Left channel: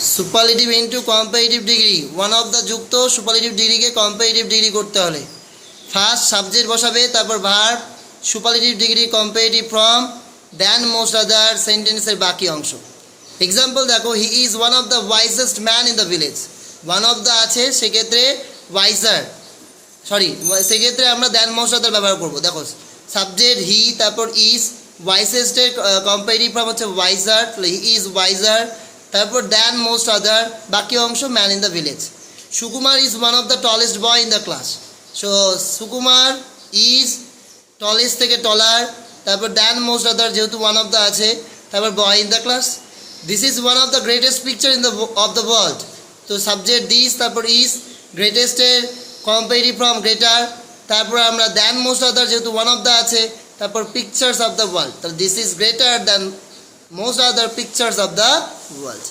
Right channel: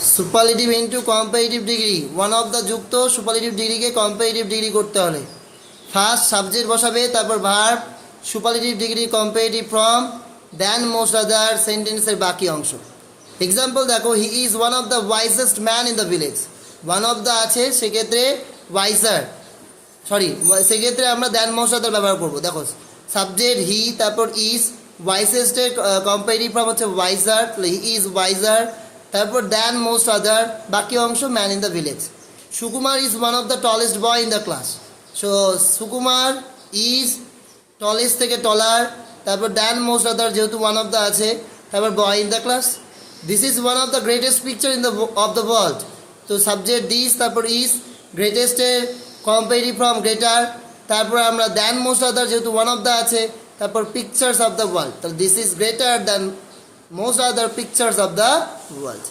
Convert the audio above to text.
Superlative into comparative degree, one of the যুক্ত superlative ডিগ্রিকে comparative degree করতে হলে ফার্স্ট সাবজেক্ট বসাবে, তারপর verb, superlative degree comparative from, then most other, সেন্টেন্সের বাকি অংশ। এক্সাম্পল দেখো, he is one of the wisest man in the village. One of the আছে, সেক্ষেত্রে ওয়াইজার, সেক্ষেত্রে আমরা দেন মোস্ট আদার ব্যবহার করবো। দেখো সাবজেক্ট হি, তারপর ইজ, ওয়াইসেস্টের কম্পারেটিভ ফর্ম হচ্ছে ওয়াইজার, হি ইজ ওয়াইজার, তারপর দেন মোস্ট আদার, বাকি অংশ man in the village. Sukumar is one of the tallest boy in the class. So Sukumar is tallest থেকে টলার, তারপর দেন মোস্ট আদার যেহেতু ওয়ান অফ দ্য আছে, তারপর boy in the class. This is one of the greatest picture in the of the world. তো subject this, তারপর is, গ্রেটেস্টের comparative from greater, তারপর আমরা দেন most আদার যেহেতু ওয়ান অফ দ্য আছে, তারপর পিকচার্স অফ দ্য ওয়ার্ল্ড। তাহলে this is greater than most other pictures of the world.